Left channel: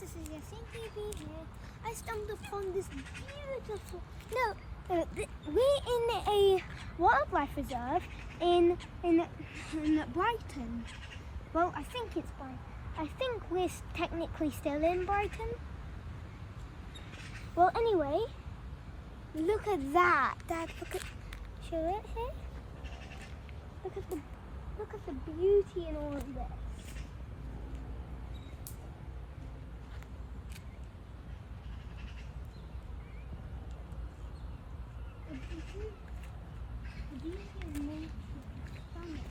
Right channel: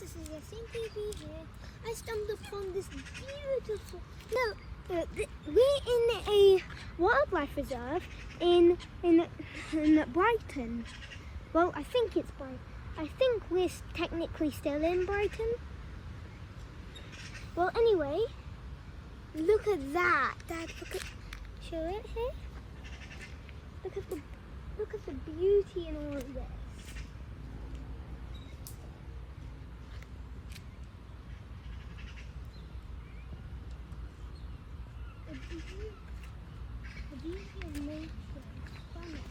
This is your thinking here. I stumbled upon this beautiful. No, we're in a wildlife reserve in Brighton. Well, I think it's Brighton. I think we're technically still in Brighton. Well, anyway, look at that. Dad, look at. Show it here. Look at the beauty in all of this. The beauty of nature is stunning.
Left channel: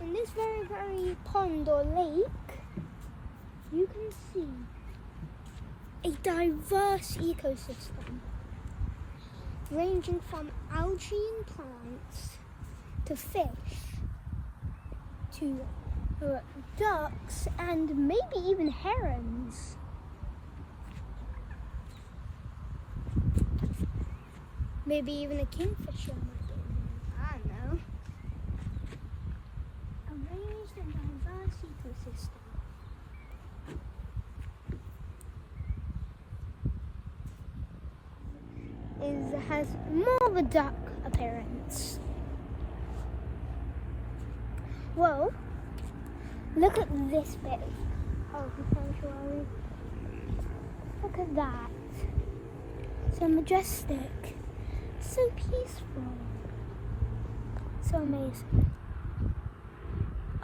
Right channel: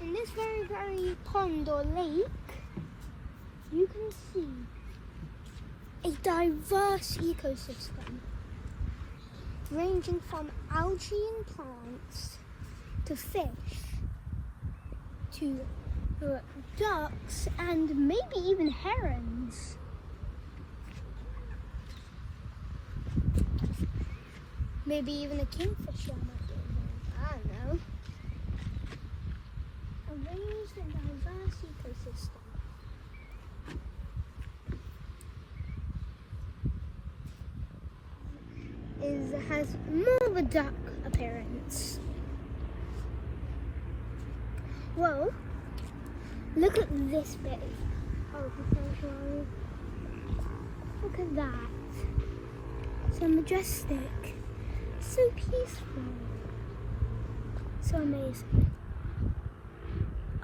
In this very pond or lake, you can see a diverse ecosystem ranging from algae and plants to fish to ducks and maybe even herons. Maybe even a kingfisher might be in here. I don't know. A ranged and diverse ecosystem. Has more of a duck appearance. Well, look at this bit of sanctuary. Look at that. So majestic. So peaceful. So amazing.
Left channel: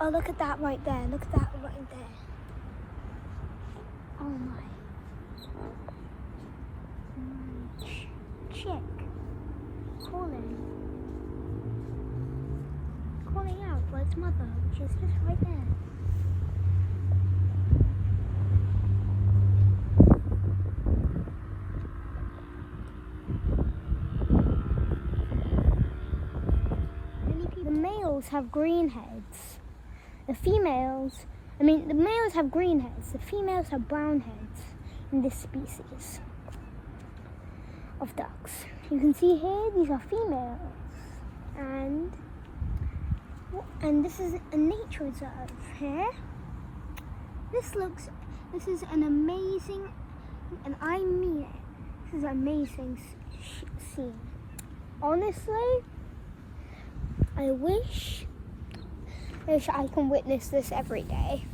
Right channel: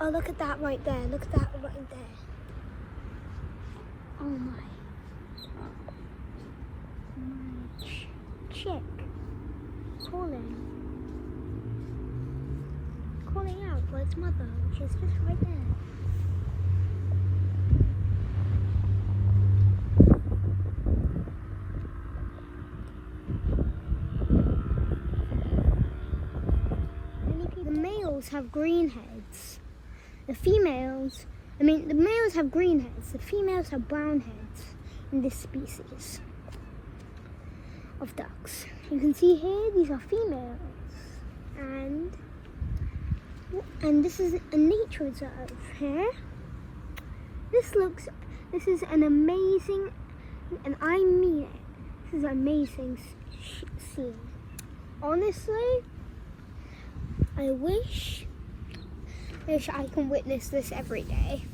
Oh, look at that right there. Look at that right there. Oh my. Chick. Calling out for its mother. She's just right there. The males have green heads. The males have green heads. The females have brown heads in this species of ducks. You can see here, these are females. And this is a nature reserve here. This is an amazing, and I mean it, this is an amazing scene. Honestly, I wish I can witness this every day.